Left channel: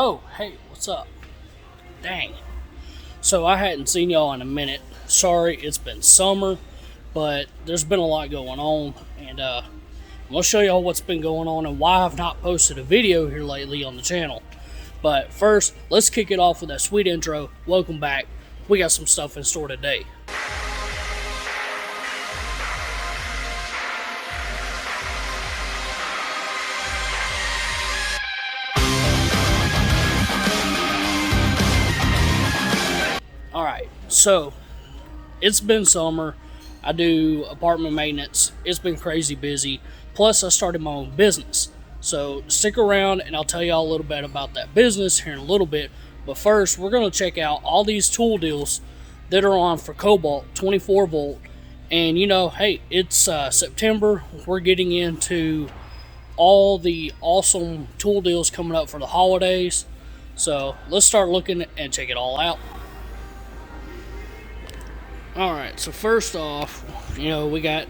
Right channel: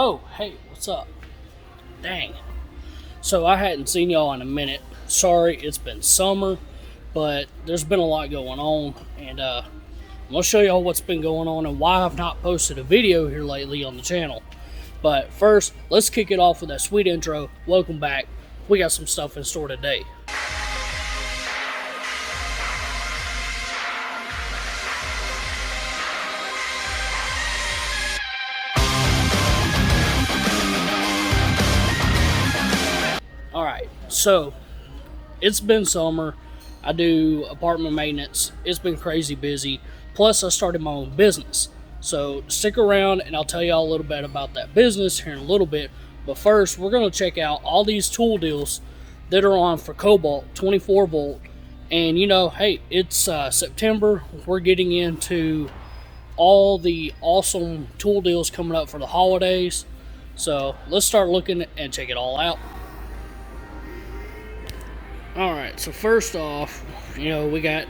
Oh, hey, what's up? Dang. So I hadn't seen y'all in a minute. Sorry, it's been summer, but there's been a lot going on, and I'm going to show y'all what's been going on and why I've not posted a video here lately on the channel. But first, let's kick it off with that sweet intro. Welcome back. We got some stuff in store today. Alright, so it's been summer. I do apartment maintenance. It's been crazy busy. Plus, I started my own business. So stick around and I'll tell y'all a little bit about that business here in a little bit. But first, we're going to check out all these tool deals that are on for Cobalt 24 volt. And you know, hey, it's September. We're getting into all the awesome tool deals coming up for the holidays. So let's start looking and check it all out. Alright, so first off, you know, we got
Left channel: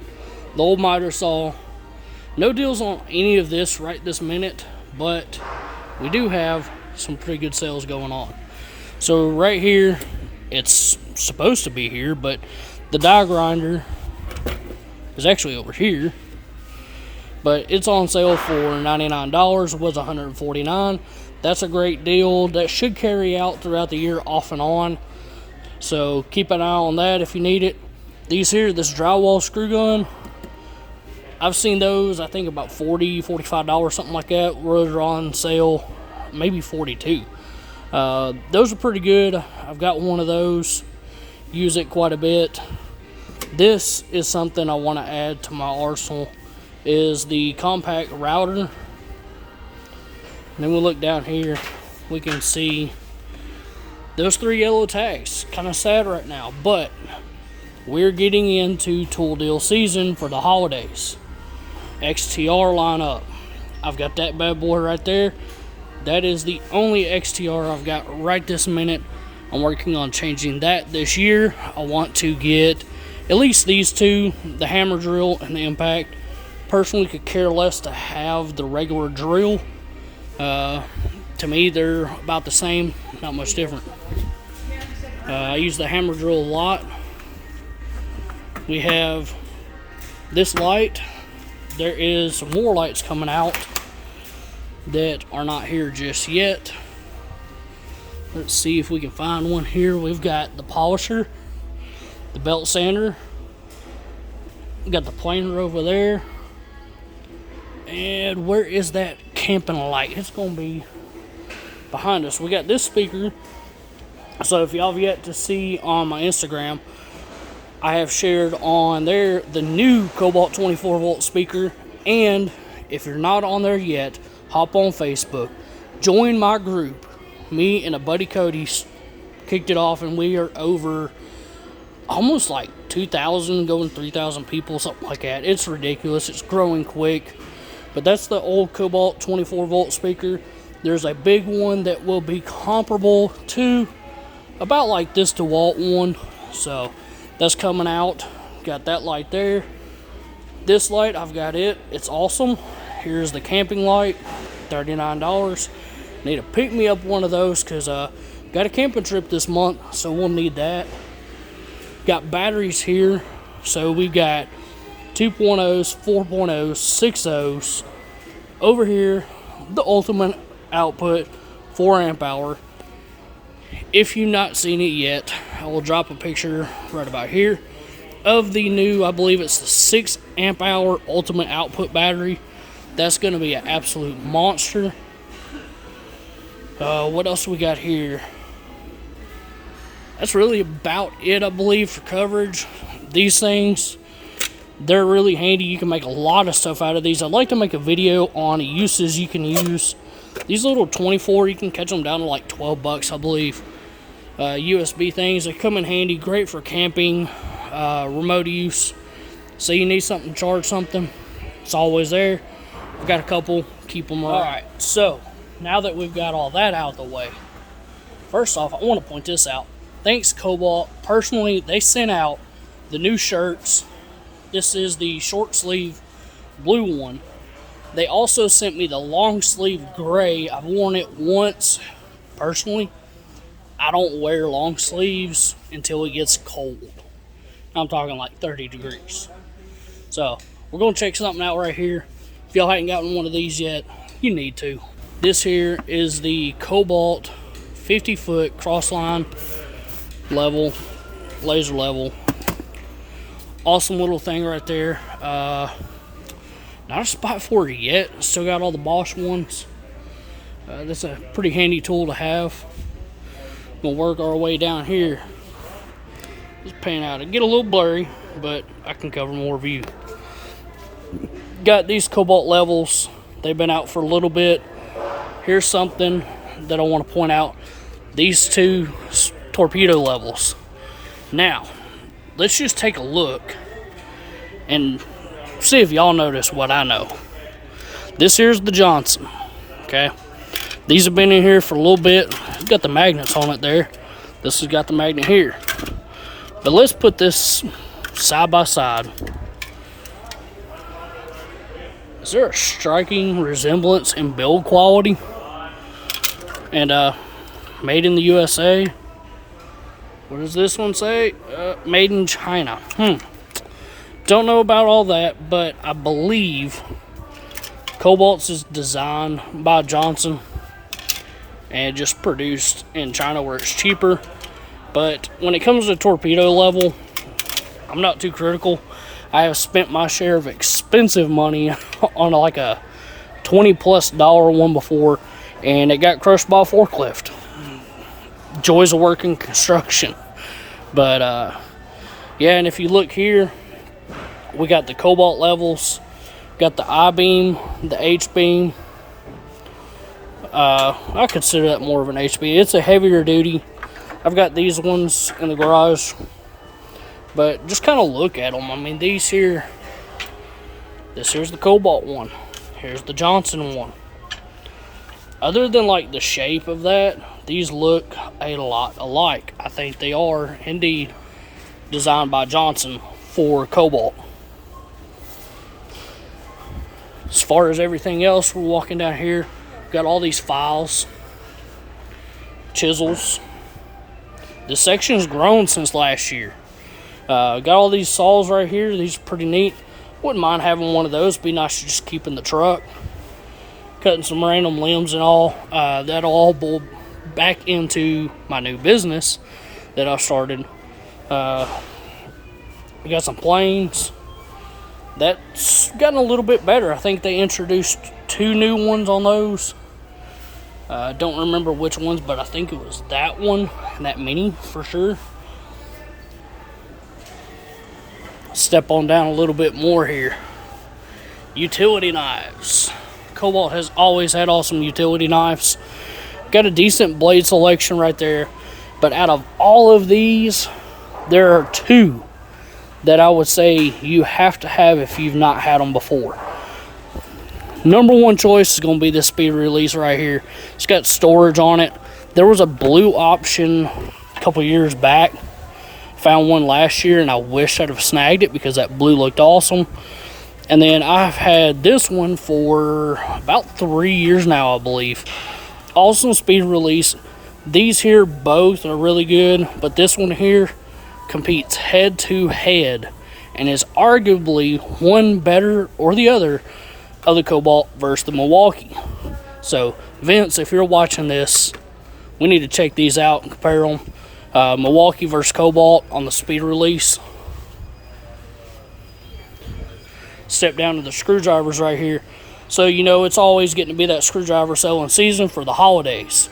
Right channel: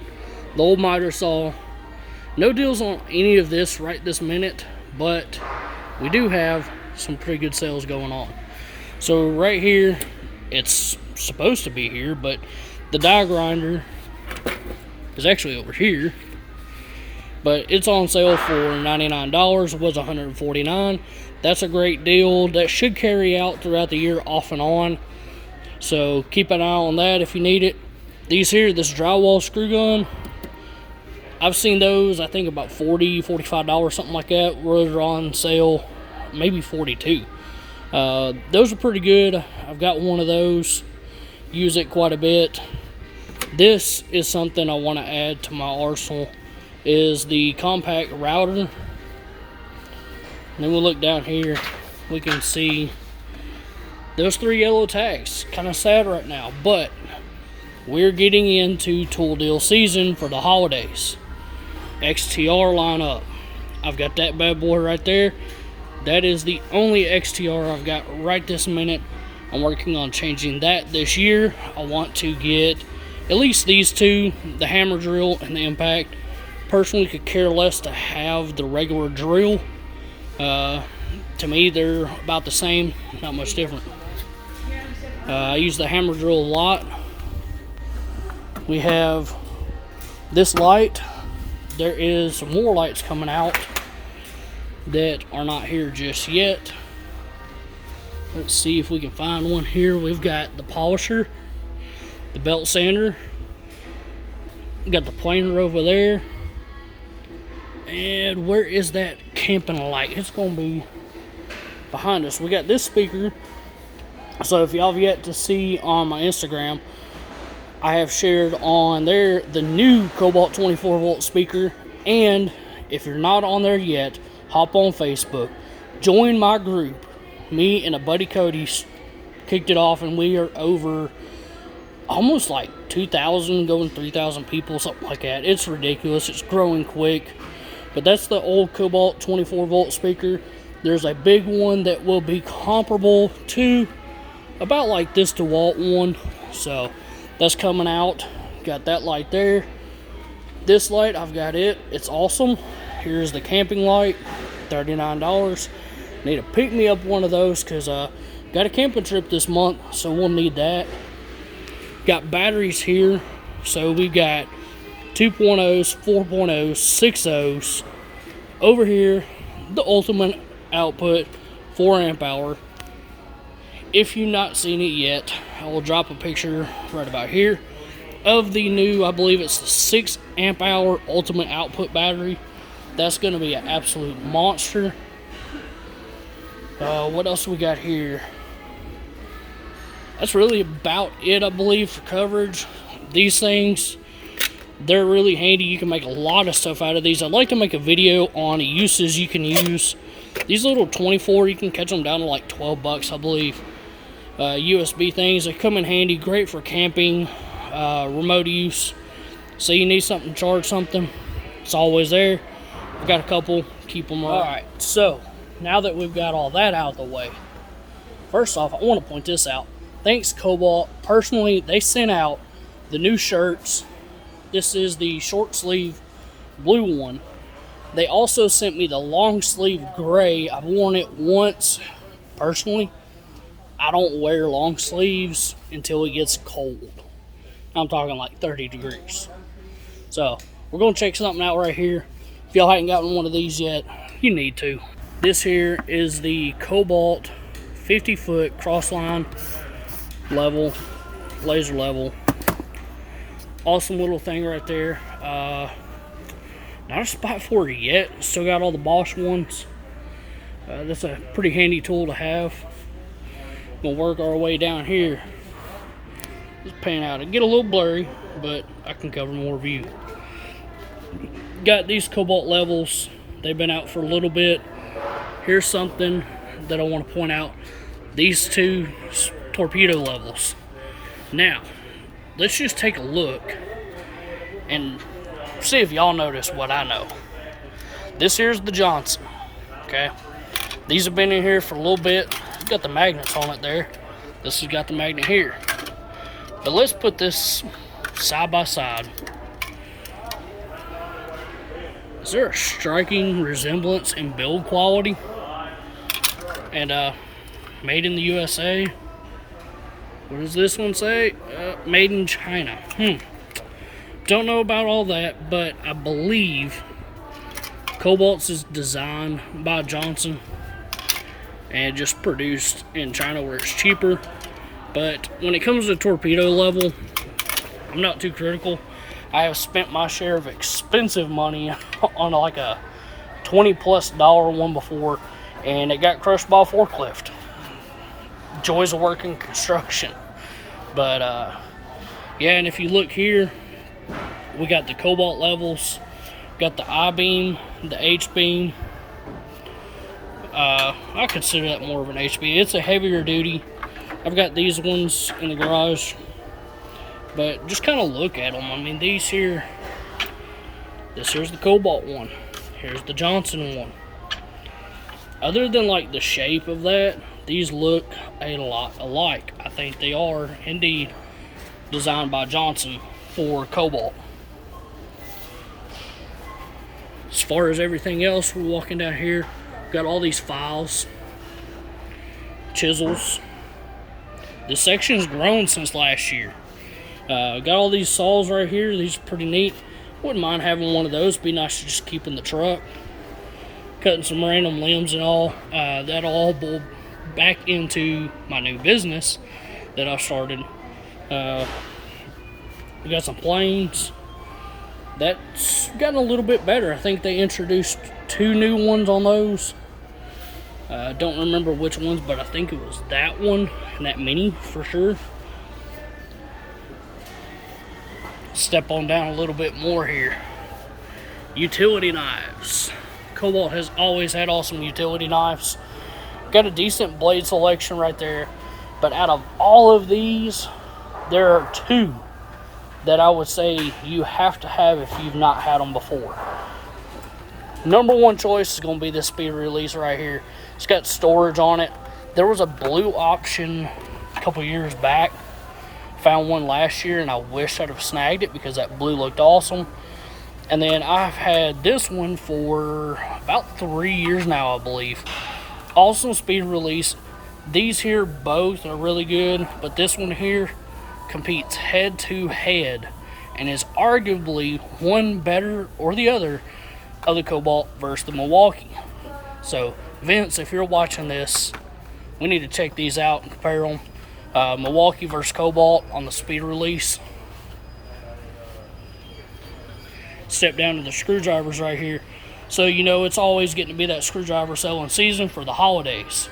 the old miter saw. No deals on any of this right this minute, but we do have some pretty good sales going on. So right here, it's supposed to be here, but the die grinder is actually over here. But it's on sale for $99. It was $149. That's a great deal. That should carry out throughout the year off and on. So keep an eye on that if you need it. These here, this drywall screw gun, I've seen those, I think about $40, $45, something like that. Those are on sale, maybe $42. Those are pretty good. I've got one of those. Use it quite a bit. This is something I want to add to my arsenal, is the compact router. And then we'll look down here. We can see those 3 yellow tags. Kind of sad right now, but we're getting into tool deal season for the holidays. XTR lineup. I've got that bad boy right there. That is the only XTR I've got right this minute. I'm working on changing that this year. I want to get at least these two, the hammer drill and the impact. Personally, could care less to have the regular drill. To me, they're about the same, not much different. I use the hammer drill a lot. We have this light. There is some more lights coming out that are not here just yet. Let's see if we can find one here. We've got the polisher, the belt sander. We got the planer over there. And where is that camping light? It's going to be behind us. We got this speaker. So if y'all have yet to see on my Instagram, I have shared on there the new Cobalt 24 volt speaker. And if you're not on there yet, hop on Facebook, join my group. Me and a buddy Cody kicked it off, and we are over almost like 2,000, going 3,000 people, something like that. It's ridiculous. It's growing quick. But that's the old Cobalt 24 volt speaker. There's a big one that will be comparable to about like this DeWalt one. So that's coming out. Got that light there. This light, I've got it. It's awesome. Here's the camping light, $39. Need to pick me up one of those because got a camping trip this month, so we'll need that. Got batteries here. So we've got 2.0s, 4.0s, 6.0s. Over here, the ultimate output, 4 amp hour. If you've not seen it yet, I will drop a picture right about here of the new, I believe it's the 6 amp hour ultimate output battery. That's going to be an absolute monster. What else we got here? That's really about it, I believe, for coverage. These things, they're really handy. You can make a lot of stuff out of these. I'd like to make a video on uses you can use. These little 24, you can catch them down to like 12 bucks, I believe. USB things, they come in handy. Great for camping, remote use. So you need something to charge something, it's always there. I've got a couple, keep them around. Alright, so now that we've got all that out of the way, first off, I want to point this out. Thanks, Cobalt. Personally, they sent out the new shirts. This is the short sleeve blue one. They also sent me the long sleeve gray. I've worn it once personally, I don't wear long sleeves until it gets cold. I'm talking like 30 degrees. So we're gonna check something out right here. If y'all haven't gotten one of these yet, you need to. This here is the Cobalt 50-foot Crossline level, laser level. Awesome little thing right there. Not a spot for it yet. Still got all the Bosch ones. That's a pretty handy tool to have. Gonna work our way down here. Let's pan out. It get a little blurry, but I can cover more view. Got these Cobalt levels. They've been out for a little bit. Here's something that I want to point out. These two Torpedo Levels. Now, let's just take a look and see if y'all notice what I know. This here's the Johnson. Okay. These have been in here for a little bit. Got the magnets on it there. This has got the magnet here. But let's put this side by side. Is there a striking resemblance in build quality? And made in the USA. What does this one say? Made in China. Don't know about all that, but I believe Cobalt's is designed by Johnson and just produced in China where it's cheaper. But when it comes to torpedo level, I'm not too critical. I have spent my share of expensive money on like a $20+ one before, and it got crushed by a forklift. Joys of working construction. But yeah, and if you look here, we got the Cobalt levels, got the I-beam, the H-beam. I consider that more of an HB. It's a heavier duty. I've got these ones in the garage, but just kind of look at them. I mean, these here, this here's the Cobalt one. Here's the Johnson one. Other than like the shape of that, these look a lot alike. I think they are indeed designed by Johnson for Cobalt. As far as everything else, we're walking down here. Got all these files, chisels. This section's grown since last year. Got all these saws right here. These are pretty neat. Wouldn't mind having one of those. Be nice to just keep in the truck. Cutting some random limbs and all. That'll all boil back into my new business that I started. We got some planes. That's gotten a little bit better. I think they introduced 2 new ones on those. I don't remember which ones, but I think it was that one and that mini for sure. Step on down a little bit more here. Utility knives. Cobalt has always had awesome utility knives. Got a decent blade selection right there. But out of all of these, there are 2 that I would say you have to have if you've not had them before. Number 1 choice is going to be this speed release right here. It's got storage on it. There was a blue option a couple years back. Found one last year and I wish I'd have snagged it because that blue looked awesome. And then I've had this one for about 3 years now, I believe. Awesome speed release. These here both are really good, but this one here competes head to head and is arguably one better or the other of the Cobalt versus the Milwaukee. So Vince, if you're watching this, we need to check these out and compare them. Milwaukee versus Cobalt on the speed release. Step down to the screwdrivers right here. So you know it's always getting to be that screwdriver selling season for the holidays.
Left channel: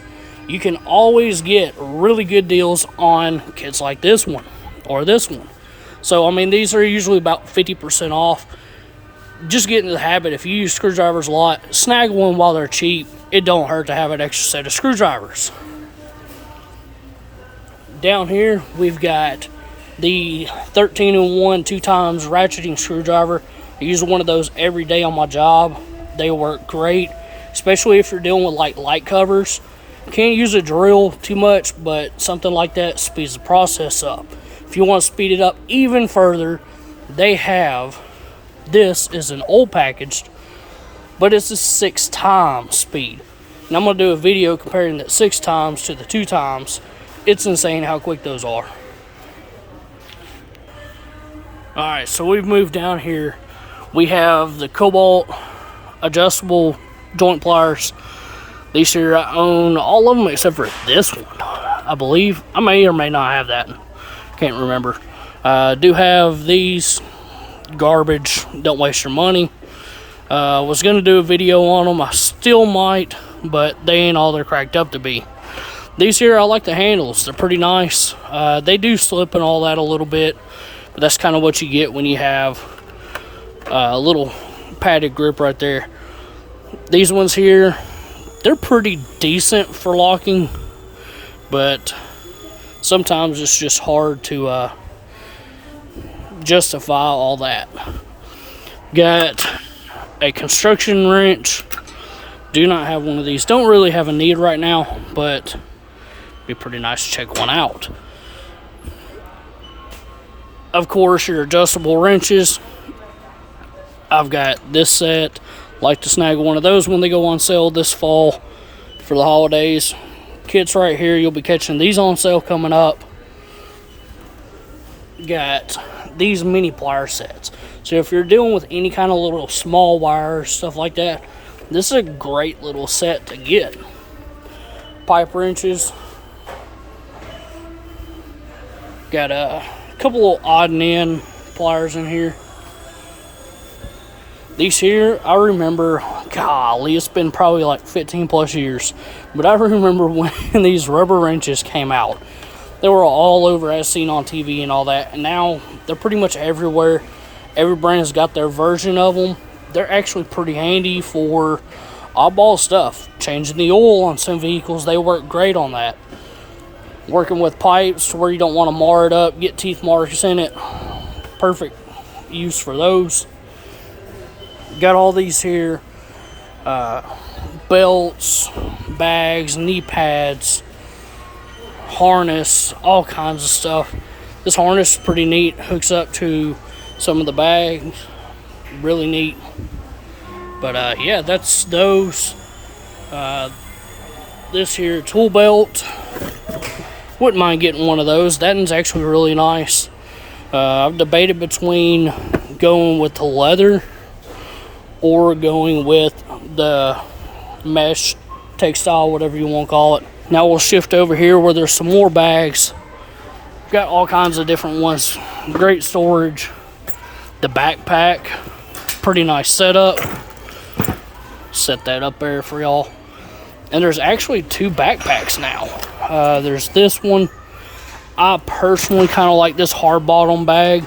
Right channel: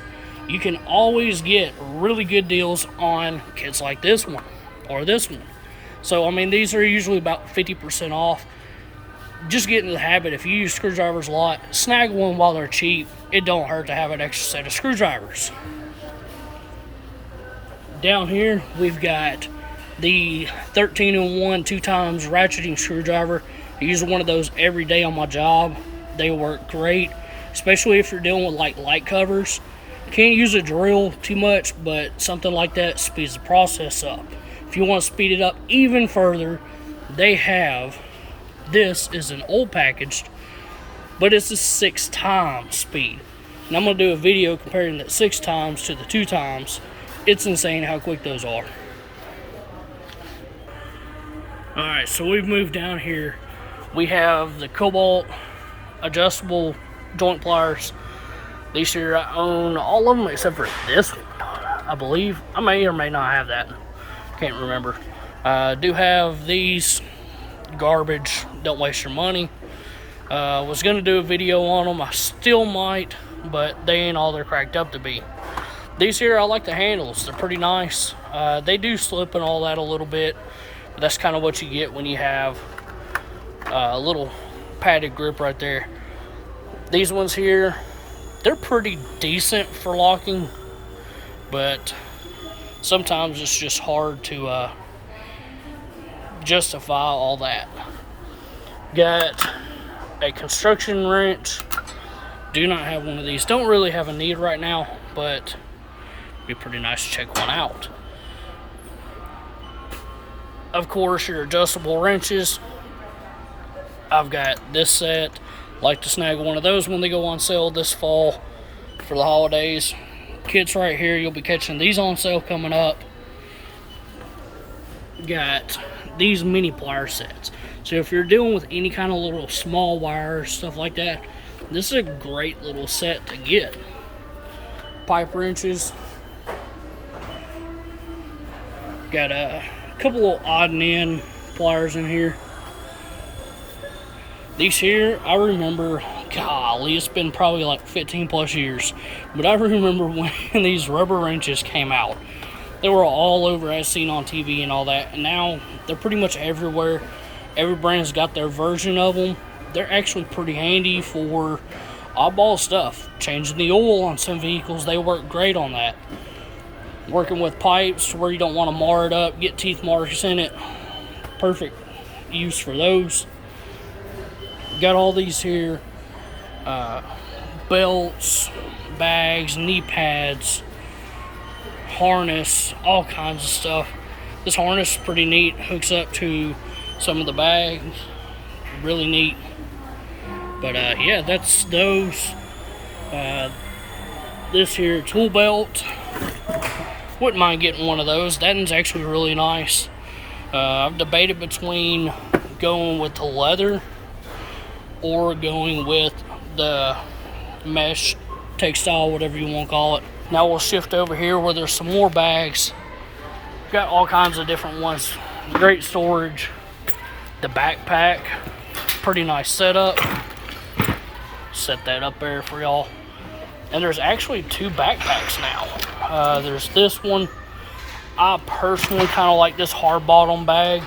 You can always get really good deals on kits like this one or this one. So I mean, these are usually about 50% off. Just get into the habit. If you use screwdrivers a lot, snag one while they're cheap. It don't hurt to have an extra set of screwdrivers. Down here we've got the 13-in-1 2x ratcheting screwdriver. I use one of those every day on my job. They work great, especially if you're dealing with like light covers. Can't use a drill too much, but something like that speeds the process up. If you want to speed it up even further, they have, this is an old packaged, but it's a 6x speed. And I'm going to do a video comparing the 6 times to the 2 times. It's insane how quick those are. Alright, so we've moved down here. We have the Cobalt adjustable joint pliers. These here, I own all of them except for this one, I believe. I may or may not have that. Can't remember. Do have these. Garbage. Don't waste your money. Was going to do a video on them. I still might, but they ain't all they're cracked up to be. These here, I like the handles. They're pretty nice. They do slip and all that a little bit, but that's kind of what you get when you have a little padded grip right there. These ones here, they're pretty decent for locking, but sometimes it's just hard to justify all that. Got a construction wrench. Do not have one of these. Don't really have a need right now, but it'd be pretty nice to check one out. Of course, your adjustable wrenches. I've got this set. Like to snag one of those when they go on sale this fall for the holidays. Kits right here, you'll be catching these on sale coming up. Got these mini plier sets. So if you're dealing with any kind of little small wires, stuff like that, this is a great little set to get. Pipe wrenches. Got a couple of odd and end pliers in here. These here, I remember, golly, it's been probably like 15 plus years, but I remember when these rubber wrenches came out. They were all over as seen on TV and all that, and now they're pretty much everywhere. Every brand has got their version of them. They're actually pretty handy for oddball stuff. Changing the oil on some vehicles, they work great on that. Working with pipes where you don't want to mar it up, get teeth marks in it. Perfect use for those. Got all these here, belts, bags, knee pads, harness, all kinds of stuff. This harness is pretty neat, hooks up to some of the bags, really neat. But yeah, that's those. This here tool belt, wouldn't mind getting one of those. That one's actually really nice. I've debated between going with the leather or going with the mesh, textile, whatever you want to call it. Now we'll shift over here where there's some more bags. Got all kinds of different ones. Great storage. The backpack, pretty nice setup. Set that up there for y'all. And there's actually 2 backpacks now. There's this one. I personally kind of like this hard bottom bag.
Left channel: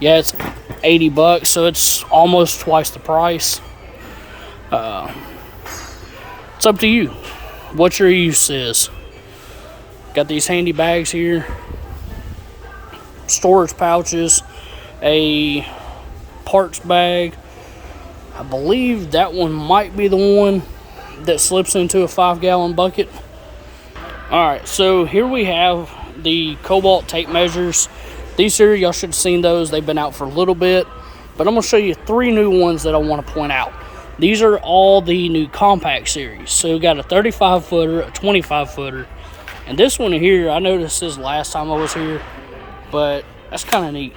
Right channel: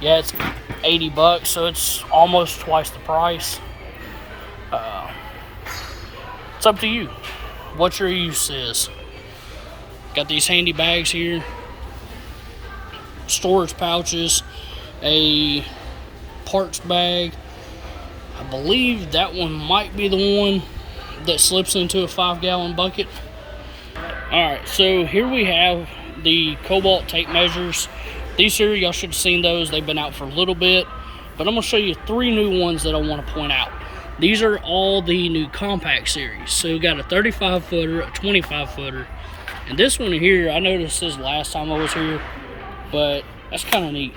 Yeah, it's $80, so it's almost twice the price. It's up to you what your use is. Got these handy bags here, storage pouches, a parts bag. I believe that one might be the one that slips into a 5-gallon bucket. Alright, so here we have the Cobalt tape measures. These here, y'all should have seen those. They've been out for a little bit, but I'm going to show you 3 new ones that I want to point out. These are all the new compact series. So we got a 35 footer, a 25 footer, and this one here, I noticed this last time I was here, but that's kind of neat.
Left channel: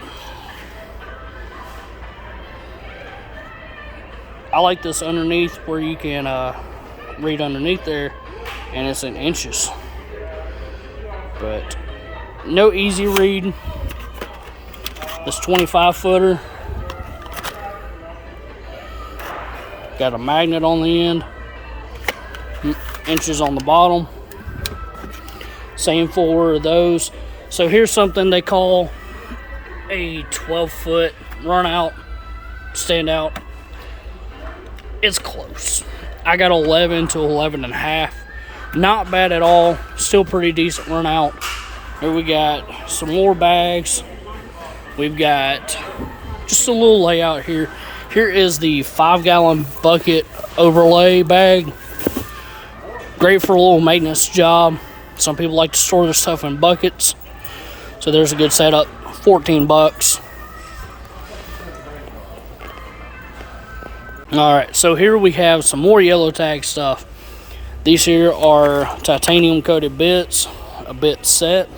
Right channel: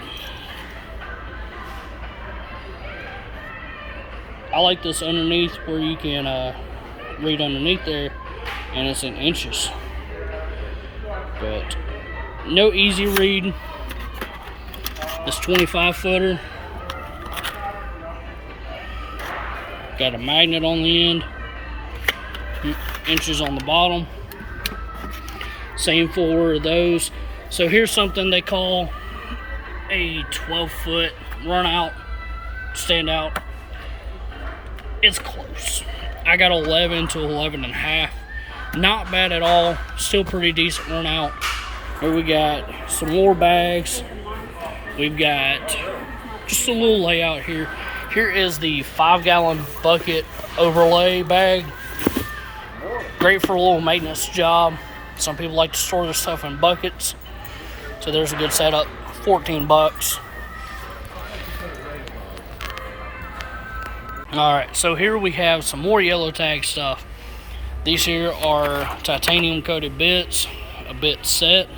I like this underneath where you can read underneath there, and it's in inches. But no easy read. This 25 footer got a magnet on the end, inches on the bottom. Same for those. So here's something they call a 12-foot run out, stand out. It's close. I got 11 to 11 and a half. Not bad at all. Still pretty decent run out. Here we got some more bags. We've got just a little layout here. Here is the 5-gallon bucket overlay bag. Great for a little maintenance job. Some people like to store their stuff in buckets. So there's a good setup. $14. Alright, so here we have some more yellow tag stuff. These here are titanium coated bits, a bit set,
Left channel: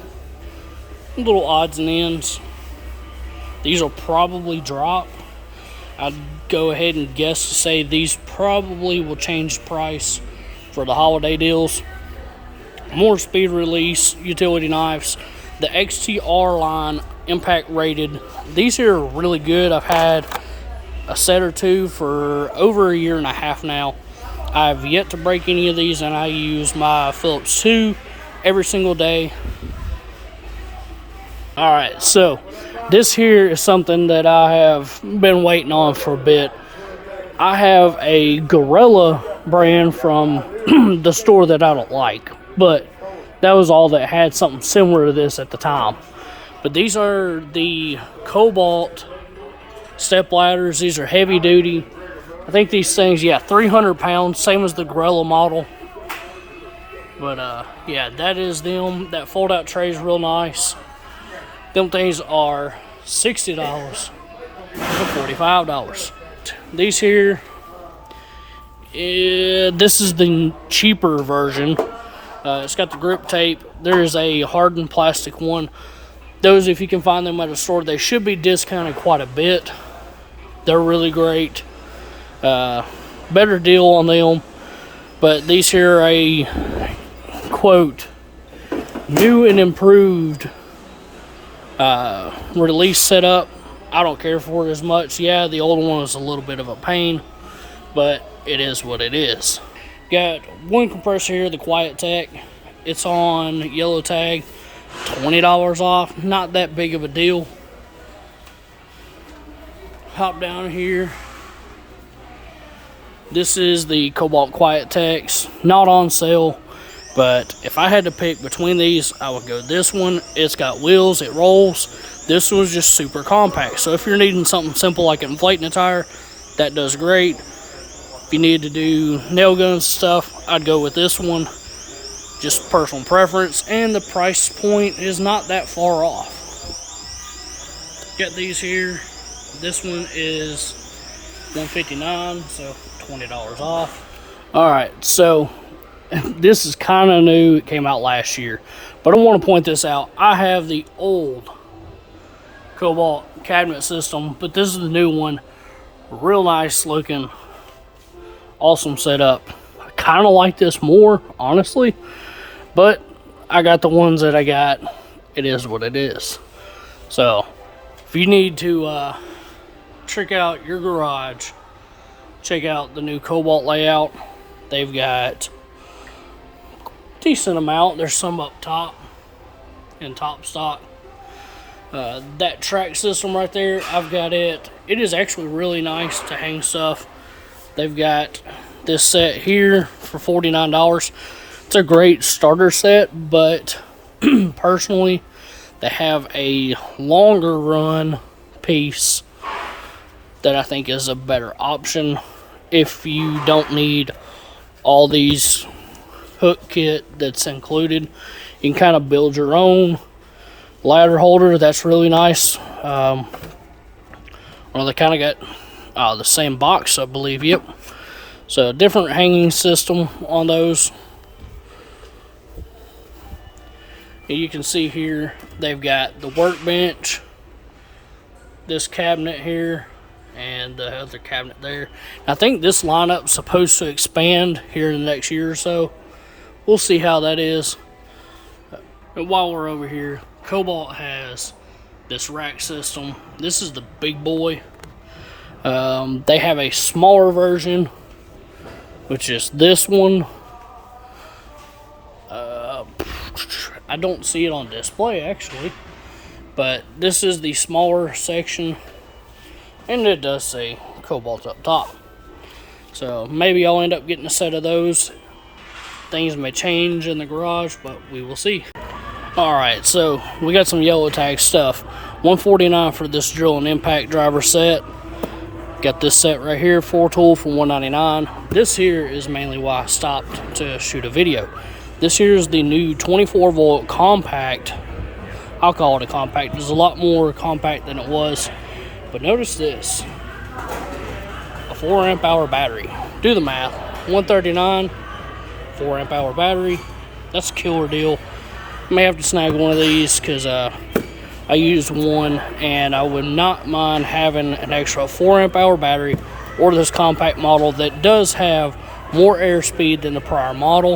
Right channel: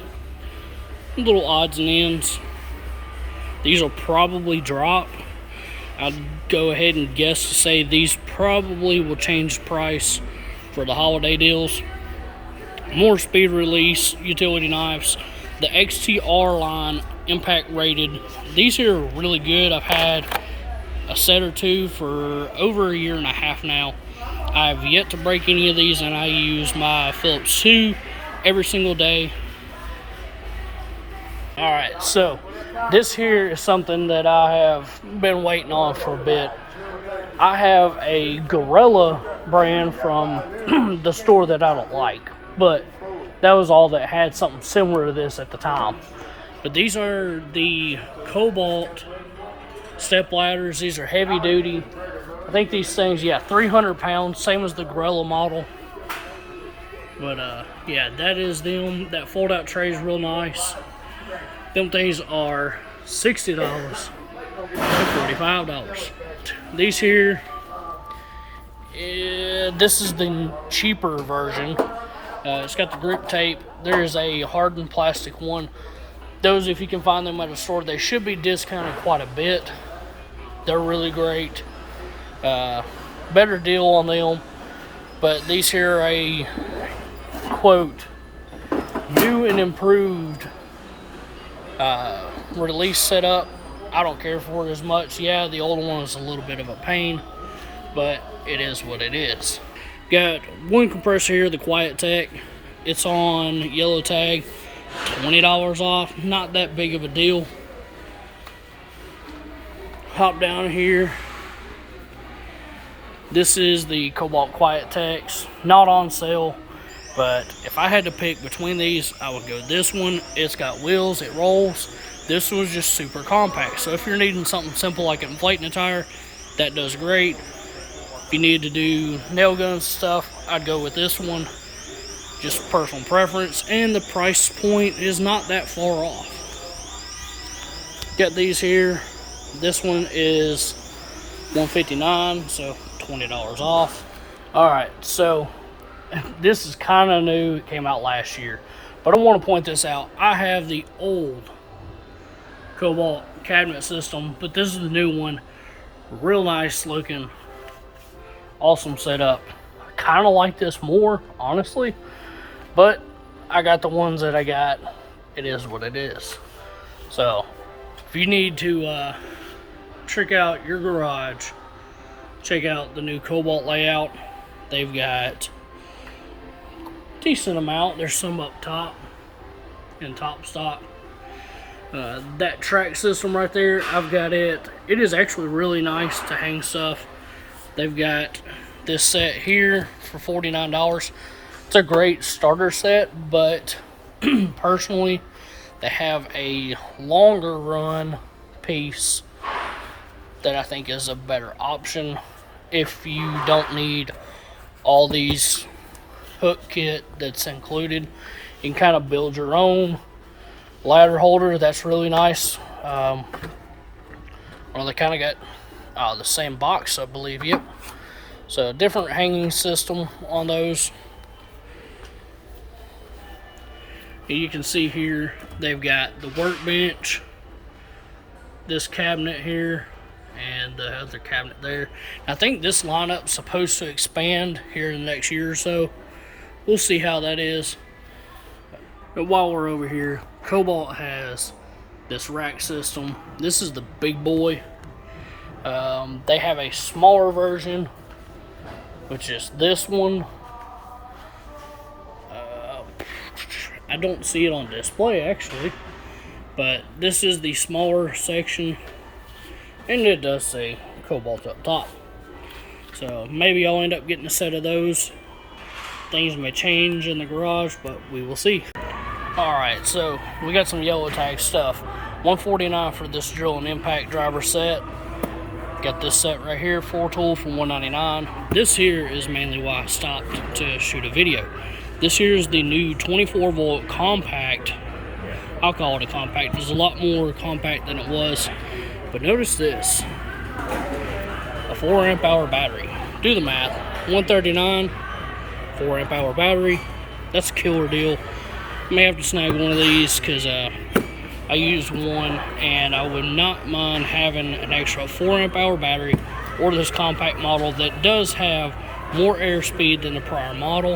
little odds and ends. These will probably drop. I'd go ahead and guess to say these probably will change price for the holiday deals. More speed release utility knives. The XTR line, impact rated. These here are really good. I've had a set or two for over a year and a half now. I've yet to break any of these, and I use my Phillips 2 every single day. Alright, so this here is something that I have been waiting on for a bit. I have a Gorilla brand from the store that I don't like, but that was all that had something similar to this at the time. But these are the Cobalt step ladders. These are heavy duty. I think these things, yeah, 300 pounds, same as the Gorilla model. But yeah, that is them. That fold out tray is real nice. Them things are $60 and $45. These here, this is the cheaper version. It's got the grip tape. There's a hardened plastic one. Those, if you can find them at a store, they should be discounted quite a bit. They're really great. Better deal on them. But these here are a, quote, new and improved release setup. I don't care for it as much. Yeah, the old one was a little bit of a pain, but it is what it is. Got one compressor here, the Quiet Tech. It's on yellow tag, $20 off. Not that big of a deal. Hop down here. This is the Cobalt Quiet Techs. Not on sale, but if I had to pick between these, I would go this one. It's got wheels, it rolls. This one's just super compact. So if you're needing something simple like inflating a tire, that does great. If you need to do nail guns stuff, I'd go with this one. Just personal preference, and the price point is not that far off. Got these here. This one is $159, so $20 off. Alright, so this is kind of new. It came out last year, but I want to point this out. I have the old Cobalt cabinet system, but this is the new one. Real nice looking, awesome setup. I kind of like this more, honestly, but I got the ones that I got. It is what it is. So if you need to trick out your garage, check out the new Cobalt layout. They've got a decent amount. There's some up top in top stock. That track system right there, I've got it. It is actually really nice to hang stuff. They've got this set here for $49. It's a great starter set, but personally, they have a longer run piece that I think is a better option if you don't need all these hook kit that's included. You can kind of build your own ladder holder. That's really nice. Well, they kind of got the same box, I believe. Yep. So different hanging system on those. You can see here they've got the workbench, this cabinet here, and the other cabinet there. I think this lineup's supposed to expand here in the next year or so. We'll see how that is. But while we're over here, Cobalt has this rack system. This is the big boy. They have a smaller version, which is this one. I don't see it on display actually, but this is the smaller section, and it does say Cobalt up top. So maybe I'll end up getting a set of those. Things may change in the garage, but we will see. Alright, so we got some yellow tag stuff. $149 for this drill and impact driver set. Got this set right here, 4-tool for $199. This here is mainly why I stopped to shoot a video. This here is the new 24 volt compact. I'll call it a compact. It's a lot more compact than it was. But notice this. A 4 amp hour battery. Do the math. $139 4 amp hour battery. That's a killer deal. I may have to snag one of these because I used one, and I would not mind having an extra 4 amp hour battery or this compact model that does have more airspeed than the prior model.